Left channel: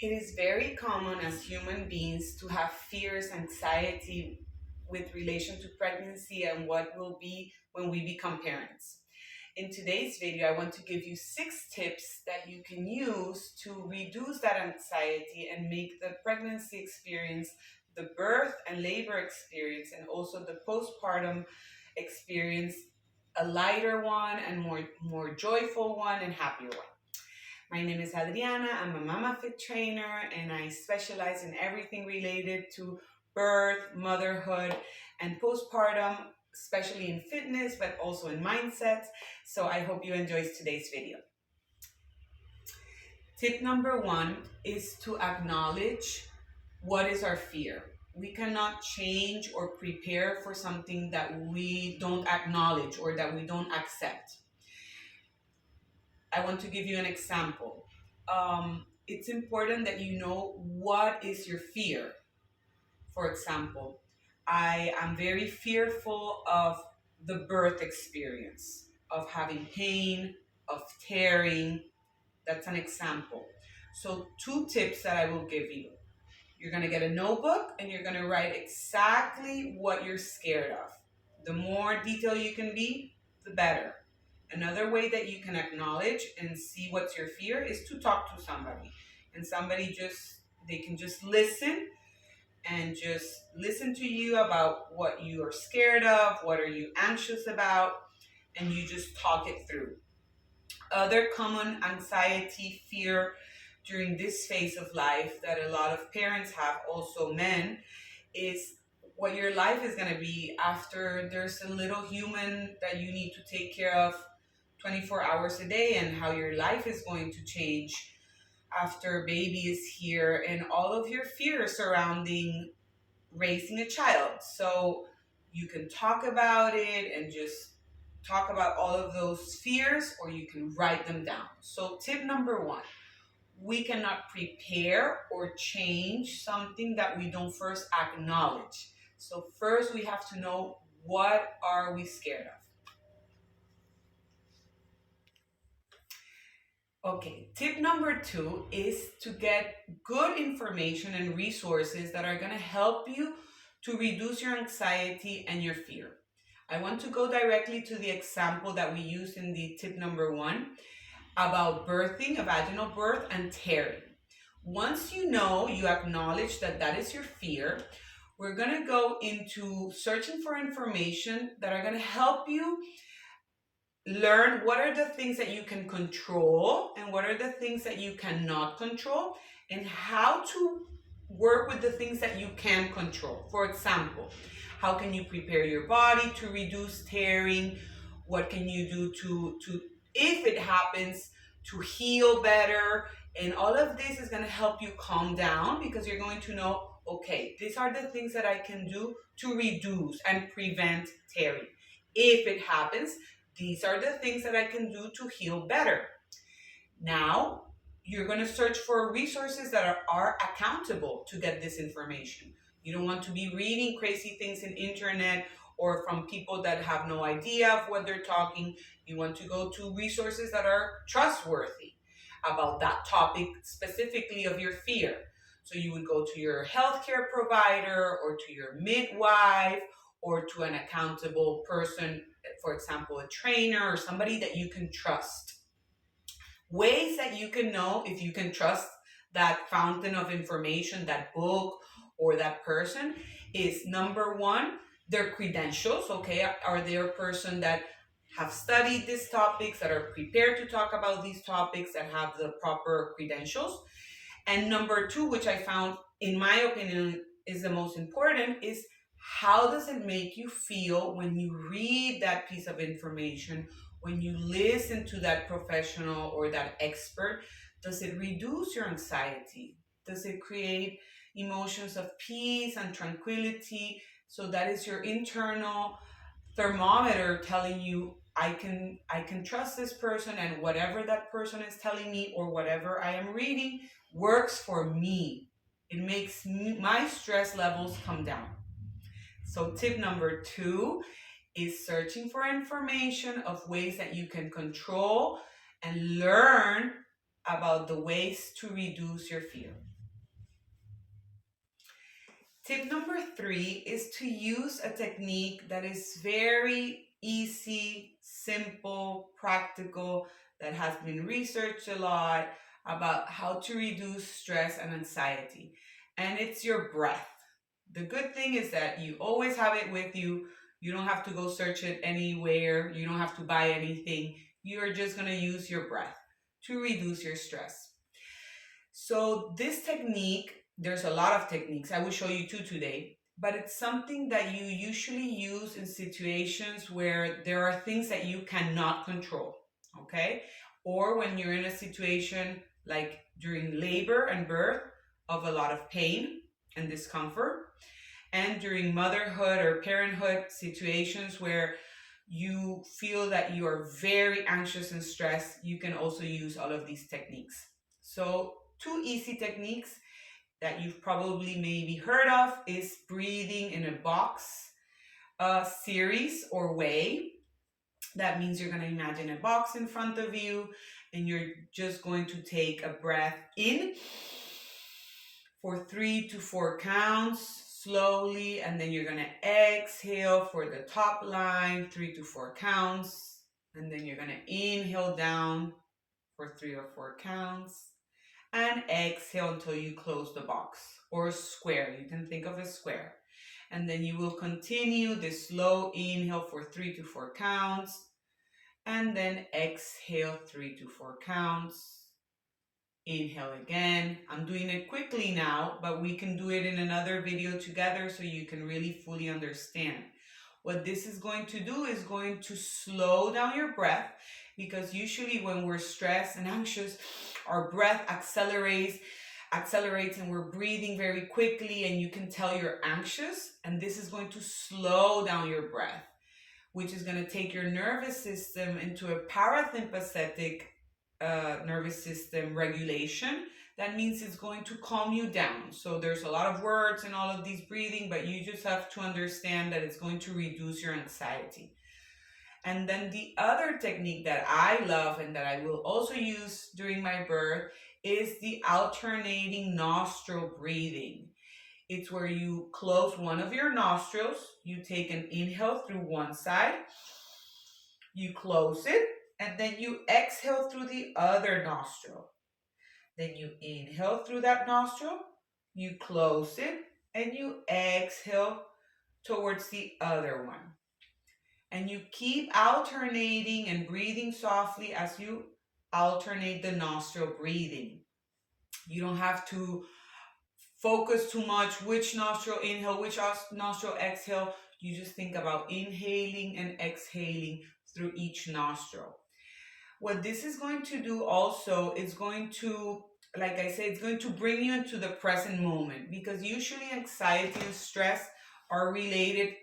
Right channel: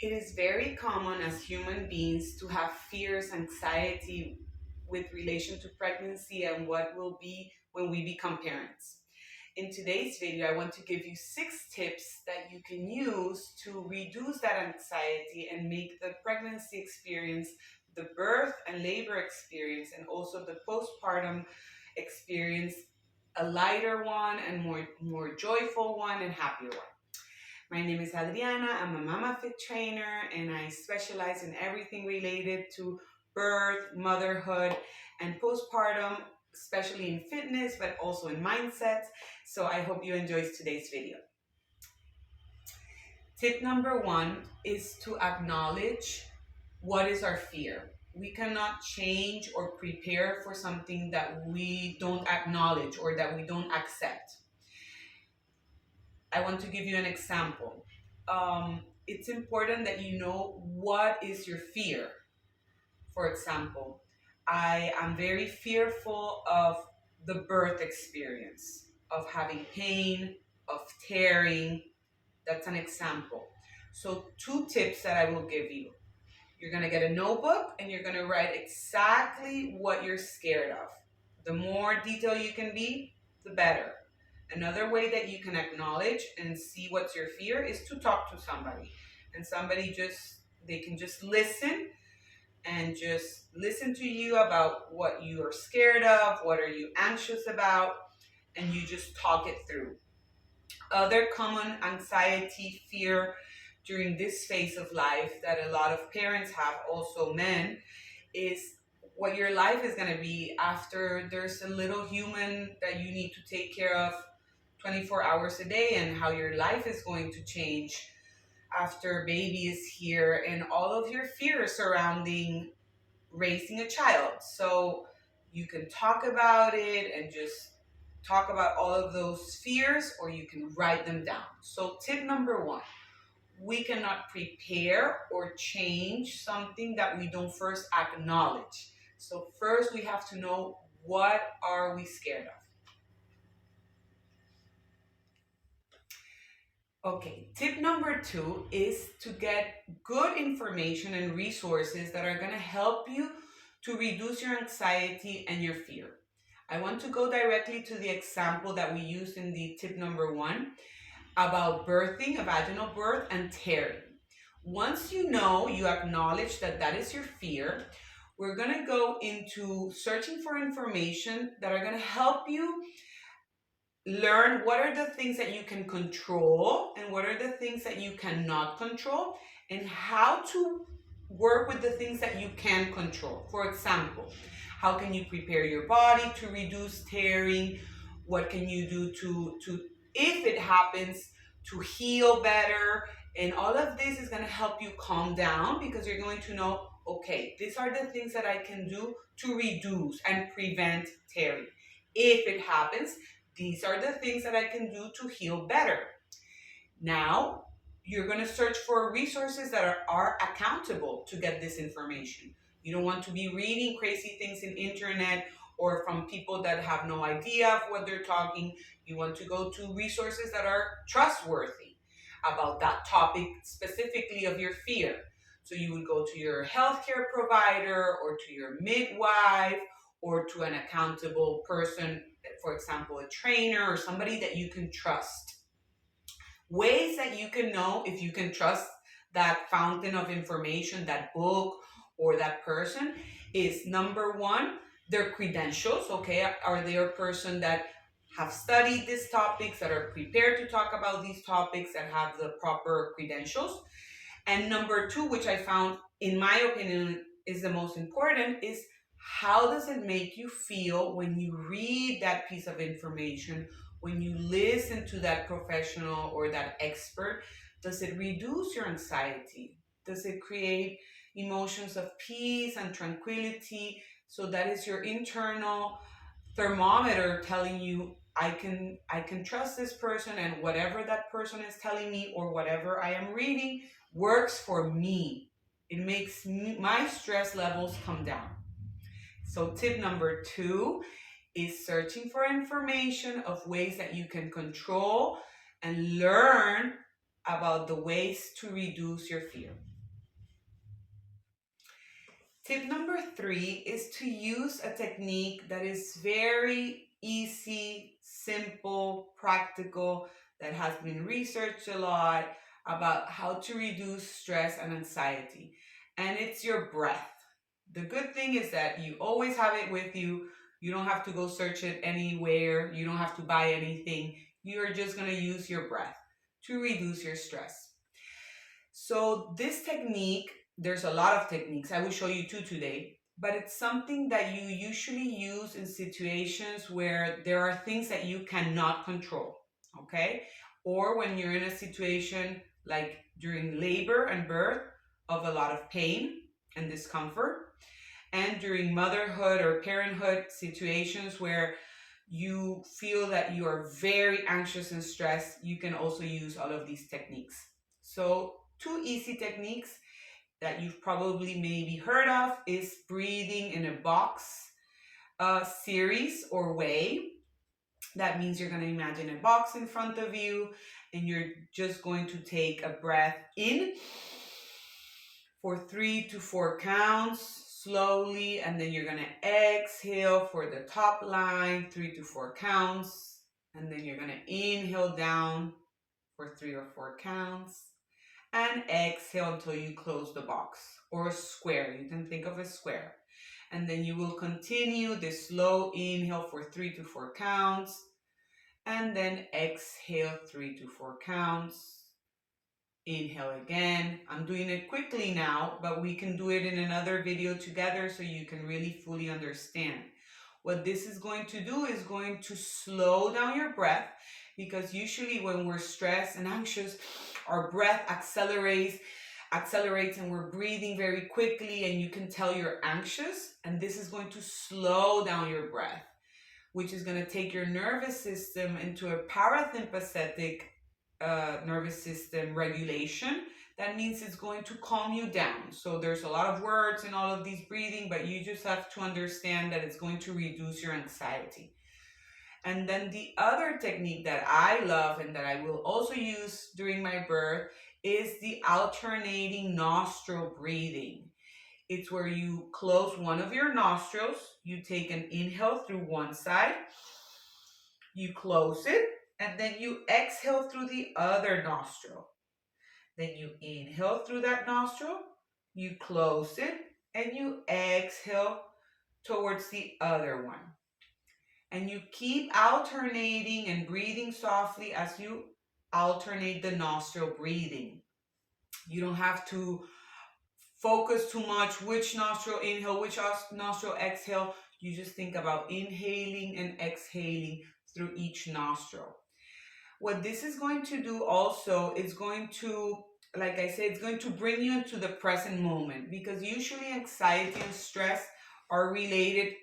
It is very common as human beings to have fears, anxiety with relation to pregnancy and what will be when we become parents. In today's video, I want to give you 6 tips that you can use to reduce that anxiety and make the pregnancy experience, the birth and labor experience, and also the postpartum experience a lighter one and more joyful one and happier one. My name is Adriana. I'm a Mama Fit trainer and I specialize in everything related to birth, motherhood, and postpartum, especially in fitness, but also in mindsets. So I hope you enjoy today's video. Tip number 1 is to acknowledge what is our fear. We cannot change or prepare for something that we don't acknowledge or that we don't accept. I want to give you an example. It's important that you know what is your fear. For example, I am very fearful of the birth experience, of having pain, of tearing. That's an example. So, 2 tips that I will give you. You're going to get a notebook and you're going to write exactly what you're scared of. The more detail you can be, the better. Another way that you can acknowledge and see what's your fear is to talk to somebody. And they can just listen and just listen to you about what you are scared of, what are you anxious about, and you just talk it through. Other common anxiety, fear during this phase of life that a lot of parents have, also men, is what your life is going to be after there's a little human that you need to take care of 24 hours a day, and how your life is going to change after baby is here, and all of your fears surrounding raising a child. So you can talk about it and just talk about all of those fears, or you can write them down. So, tip number 1, we cannot prepare or change something that we don't first acknowledge. So, first we have to know, what are we scared of? Okay, tip number 2 is to get good information and resources that are going to help you to reduce your anxiety and your fear. I want to go directly to the example that we used in the tip number 1 about birthing, a vaginal birth, and tearing. Once you acknowledge that that is your fear, we're going to go into searching for information that are going to help you learn what are the things that you can control and what are the things that you cannot control, and how to work with the things that you can control. For example, how can you prepare your body to reduce tearing? What can you do to if it happens, to heal better? And all of this is going to help you calm down, because you're going to know, okay, these are the things that I can do to reduce and prevent tearing. If it happens, these are the things that I can do to heal better. Now, you're going to search for resources that are accountable to get this information. You don't want to be reading crazy things in internet or from people that have no idea of what they're talking. You want to go to resources that are trustworthy about that topic, specifically of your fear. So you would go to your healthcare provider or to your midwife or to an accountable person, for example, a trainer or somebody that you can trust. Ways that you can know if you can trust that fountain of information, that book or that person, is number 1, their credentials. Okay, are they a person that have studied these topics, that are prepared to talk about these topics, that have the proper credentials? And number 2, which I found, in my opinion, is the most important, is how does it make you feel when you read that piece of information, when you listen to that professional or that expert? Does it reduce your anxiety? Does it create emotions of peace and tranquility? So that is your internal thermometer telling you, I can trust this person, and whatever that person is telling me or whatever I am reading works for me. It makes my stress levels come down. So tip number 2 is searching for information of ways that you can control and learn about the ways to reduce your fear. Tip number 3 is to use a technique that is very easy, simple, practical, that has been researched a lot about how to reduce stress and anxiety. And it's your breath. The good thing is that you always have it with you. You don't have to go search it anywhere. You don't have to buy anything. You're just going to use your breath to reduce your stress. So this technique, there's a lot of techniques. I will show you two today, but it's something that you usually use in situations where there are things that you cannot control, okay? Or when you're in a situation like during labor and birth of a lot of pain and discomfort, and during motherhood or parenthood situations where you feel that you are very anxious and stressed, you can also use all of these techniques. So two easy techniques that you've probably maybe heard of is breathing in a box series or way. That means you're going to imagine a box in front of you and you're just going to take a breath in for 3 to 4 counts slowly, and then you're going to exhale for the top line 3 to 4 counts, and then you're going to inhale down for 3 or 4 counts and exhale until you close the box or a square. You can think of a square. And then you will continue this slow inhale for 3 to 4 counts and then exhale 3 to 4 counts. Inhale again. I'm doing it quickly now, but we can do it in another video together so you can really fully understand. What this is going to do is going to slow down your breath, because usually when we're stressed and anxious, our breath accelerates and we're breathing very quickly and you can tell you're anxious, and this is going to slow down your breath, which is going to take your nervous system into a parasympathetic nervous system regulation. That means it's going to calm you down. So there's a lot of words in all of these breathing, but you just have to understand that it's going to reduce your anxiety. And then the other technique that I love and that I will also use during my birth is the alternating nostril breathing. It's where you close one of your nostrils, you take an inhale through one side, you close it, and then you exhale through the other nostril. Then you inhale through that nostril, you close it, and you exhale towards the other one. And you keep alternating and breathing softly as you alternate the nostril breathing. You don't have to focus too much which nostril inhale, which nostril exhale. You just think about inhaling and exhaling through each nostril. What this is going to do also is going to, like I said, it's going to bring you into the present moment, because usually anxiety and stress are related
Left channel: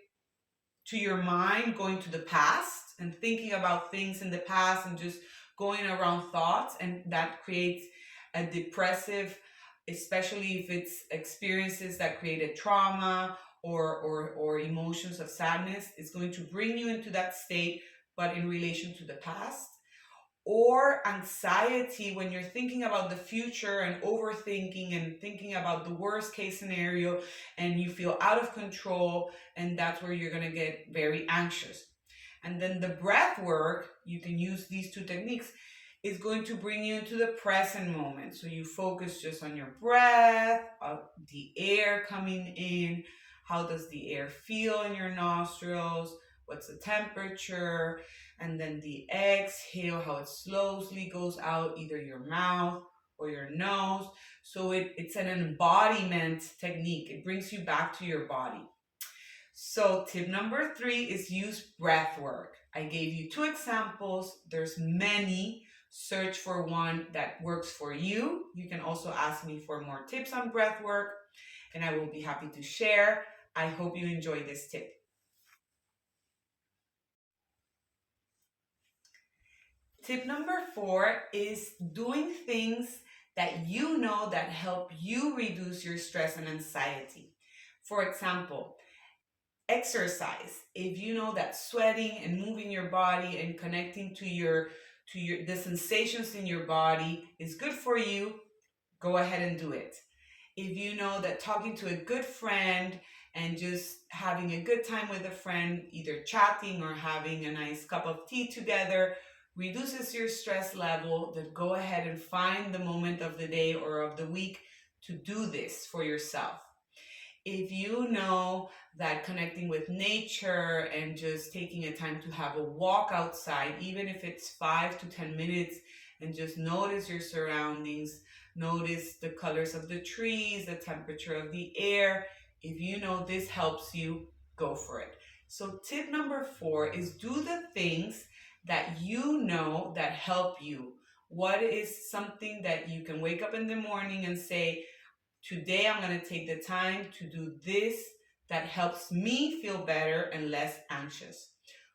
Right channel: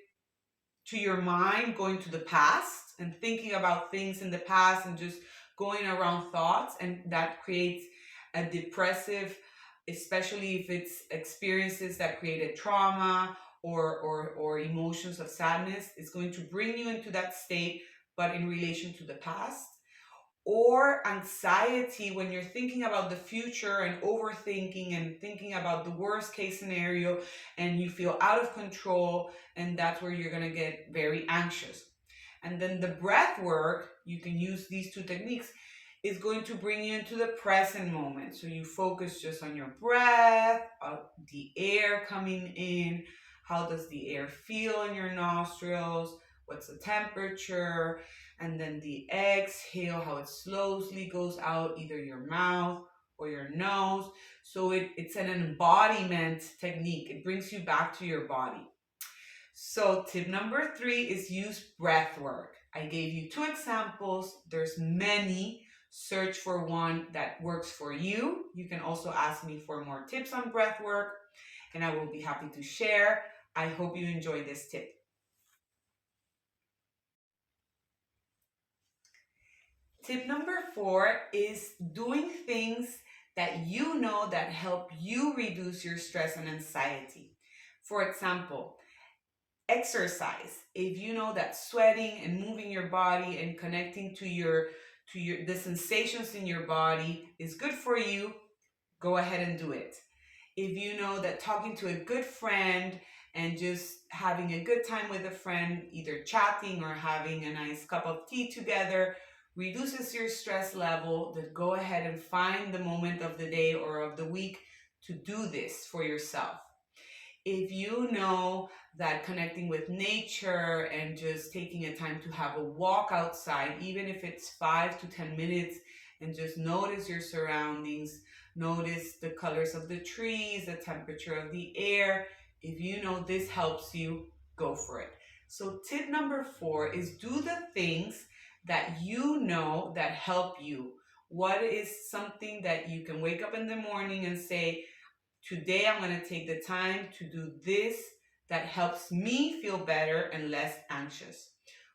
to your mind going to the past and thinking about things in the past and just going around thoughts, and that creates a depressive, especially if it's experiences that created trauma or emotions of sadness. It's going to bring you into that state, but in relation to the past. Or anxiety when you're thinking about the future and overthinking and thinking about the worst case scenario and you feel out of control, and that's where you're going to get very anxious. And then the breath work, you can use these two techniques, is going to bring you into the present moment. So you focus just on your breath, the air coming in, how does the air feel in your nostrils, what's the temperature, and then the exhale, how it slowly goes out either your mouth or your nose. So it's an embodiment technique. It brings you back to your body. So tip number 3 is use breath work. I gave you 2 examples. There's many. Search for one that works for you. You can also ask me for more tips on breath work, and I will be happy to share. I hope you enjoy this tip. Tip number 4 is doing things that you know that help you reduce your stress and anxiety. For example, exercise. If you know that sweating and moving your body and connecting to to your the sensations in your body is good for you, go ahead and do it. If you know that talking to a good friend and just having a good time with a friend, either chatting or having a nice cup of tea together, reduces your stress level, then go ahead and find the moment of the day or of the week to do this for yourself. If you know that connecting with nature and just taking a time to have a walk outside, even if it's 5 to 10 minutes, and just notice your surroundings, notice the colors of the trees, the temperature of the air. If you know this helps you, go for it. So, tip number 4 is do the things that you know that help you. What is something that you can wake up in the morning and say, today I'm going to take the time to do this that helps me feel better and less anxious.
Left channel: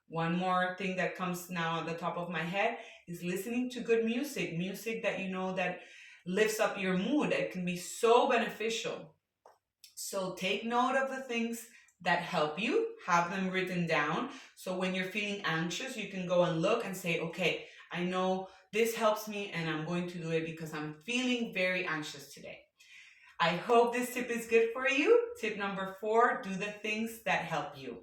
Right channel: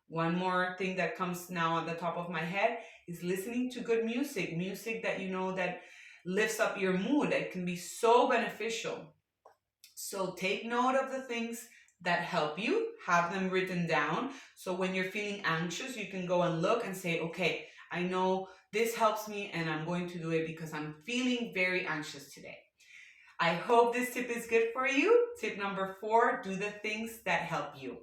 One more thing that comes now on the top of my head is listening to good music, music that you know that lifts up your mood. It can be so beneficial. So take note of the things that help you, have them written down. So when you're feeling anxious, you can go and look and say, okay, I know this helps me and I'm going to do it because I'm feeling very anxious today. I hope this tip is good for you. Tip number 4, do the things that help you.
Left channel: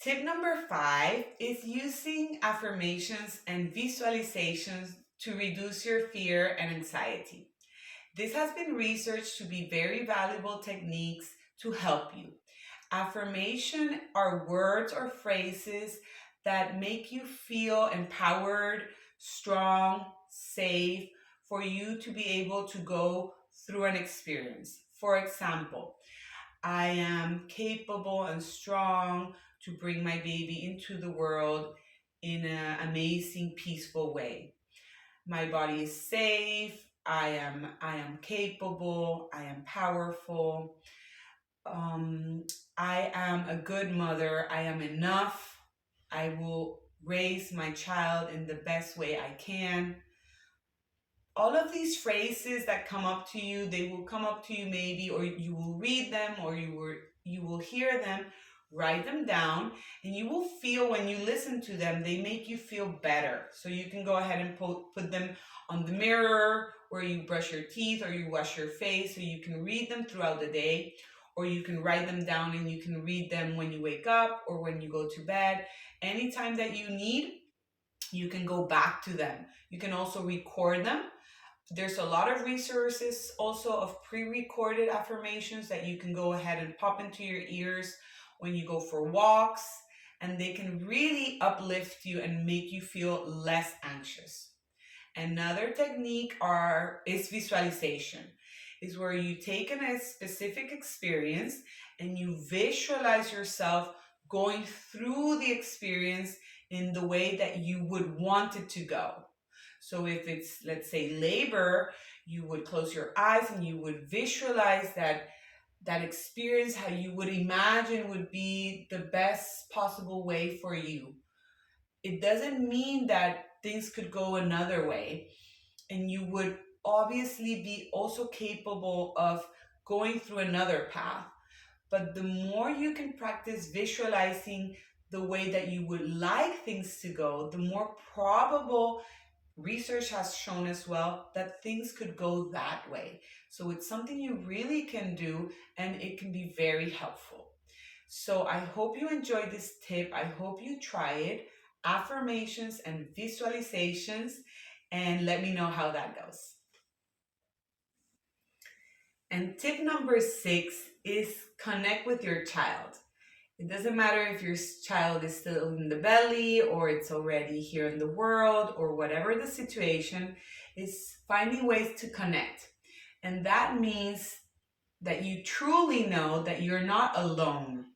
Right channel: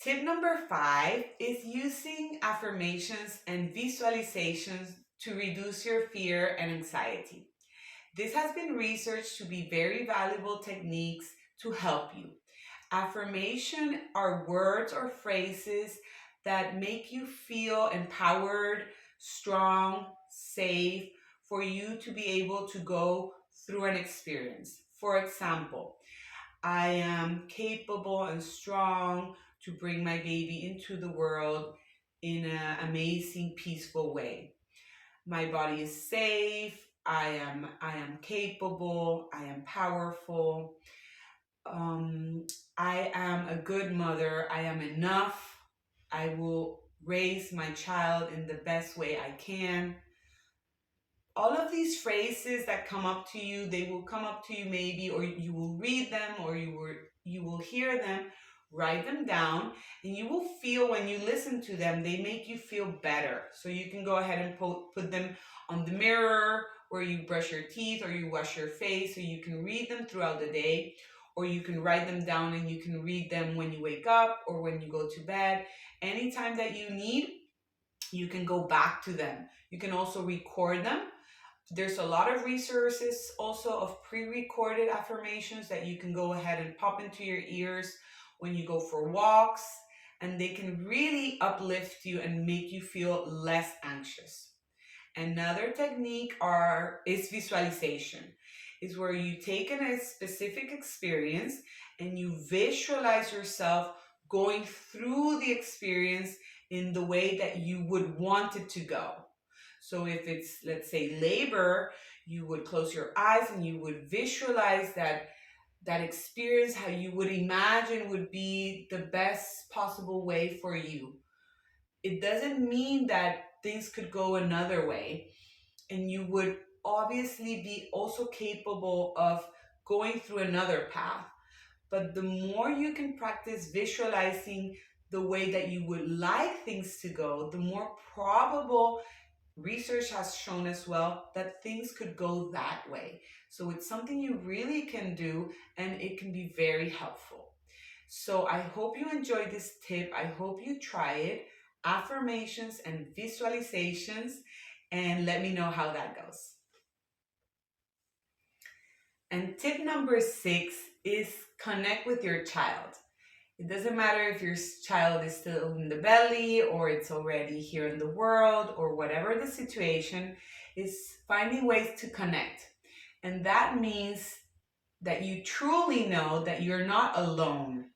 Tip number 5 is using affirmations and visualizations to reduce your fear and anxiety. This has been researched to be very valuable techniques to help you. Affirmation are words or phrases that make you feel empowered, strong, safe, for you to be able to go through an experience. For example, I am capable and strong to bring my baby into the world in an amazing, peaceful way. My body is safe. I am capable. I am powerful. Um, I am a good mother. I am enough. I will raise my child in the best way I can. All of these phrases that come up to you, they will come up to you maybe, or you will read them, or you will hear them. Write them down, and you will feel when you listen to them, they make you feel better. So you can go ahead and put them on the mirror where you brush your teeth or you wash your face, so you can read them throughout the day, or you can write them down and you can read them when you wake up or when you go to bed. Anytime that you need, you can go back to them. You can also record them. There's a lot of resources also of pre-recorded affirmations that you can go ahead and pop into your ears when you go for walks, and they can really uplift you and make you feel less anxious. Another technique is visualization. Is where you take a specific experience and you visualize yourself going through the experience in the way that you would want it to go. So if it's, let's say, labor, you would close your eyes and you would visualize that experience, how you would imagine would be the best possible way for you. It doesn't mean that things could go another way, and you would obviously be also capable of going through another path. But the more you can practice visualizing the way that you would like things to go, the more probable research has shown as well that things could go that way. So it's something you really can do, and it can be very helpful. So I hope you enjoyed this tip. I hope you try it. Affirmations and visualizations, and let me know how that goes. And tip number 6 is connect with your child. It doesn't matter if your child is still in the belly or it's already here in the world, or whatever the situation, is finding ways to connect. And that means that you truly know that you're not alone.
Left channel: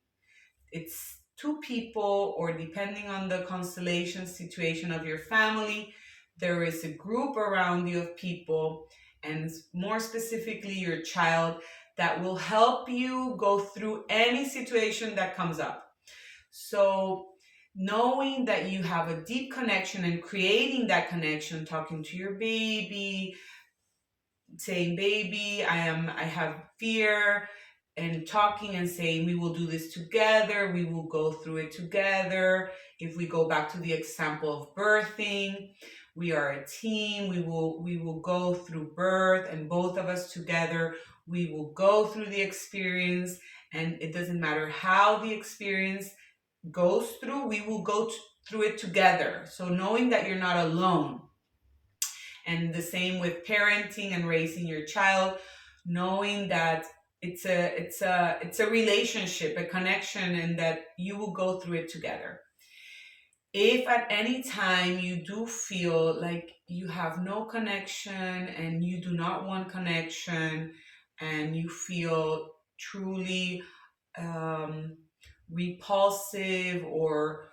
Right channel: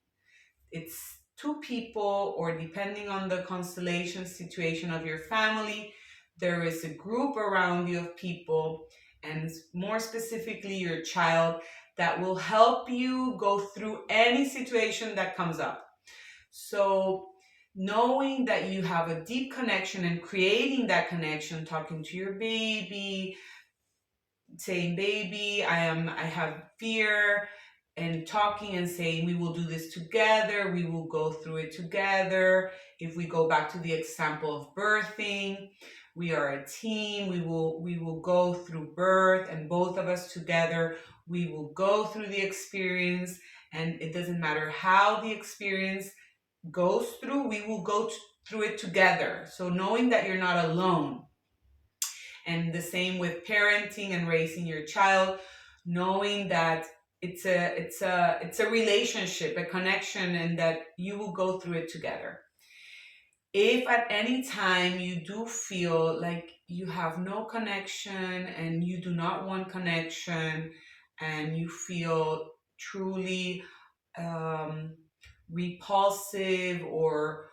It's two people, or depending on the constellation situation of your family, there is a group around you of people, and more specifically your child, that will help you go through any situation that comes up. So knowing that you have a deep connection and creating that connection, talking to your baby, saying, baby, I have fear, and talking and saying, we will do this together, we will go through it together. If we go back to the example of birthing, we are a team. We will go through birth, and both of us together, we will go through the experience, and it doesn't matter how the experience goes through, we will go through it together. So knowing that you're not alone. And the same with parenting and raising your child, knowing that it's a relationship, a connection, and that you will go through it together. If at any time you do feel like you have no connection and you do not want connection, and you feel truly um, repulsive or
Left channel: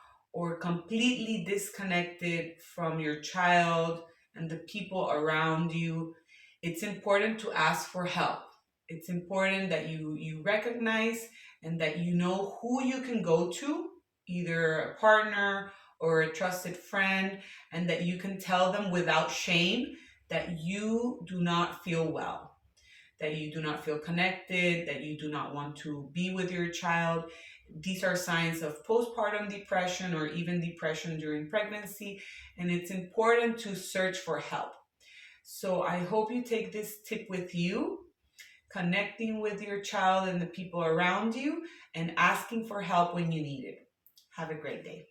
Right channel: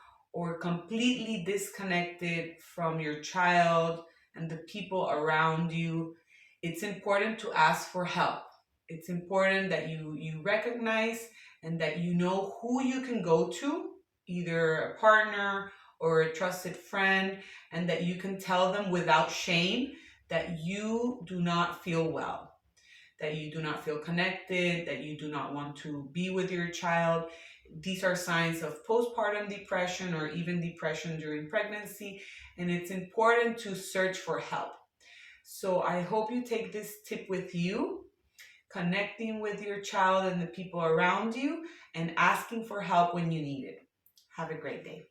completely disconnected from your child and the people around you, it's important to ask for help. It's important that you recognize and that you know who you can go to, either a partner or a trusted friend, and that you can tell them without shame that you do not feel well, that you do not feel connected, that you do not want to be with your child. These are signs of postpartum depression or even depression during pregnancy, and it's important to search for help. So I hope you take this tip with you, connecting with your child and the people around you, and asking for help when you need it. Have a great day.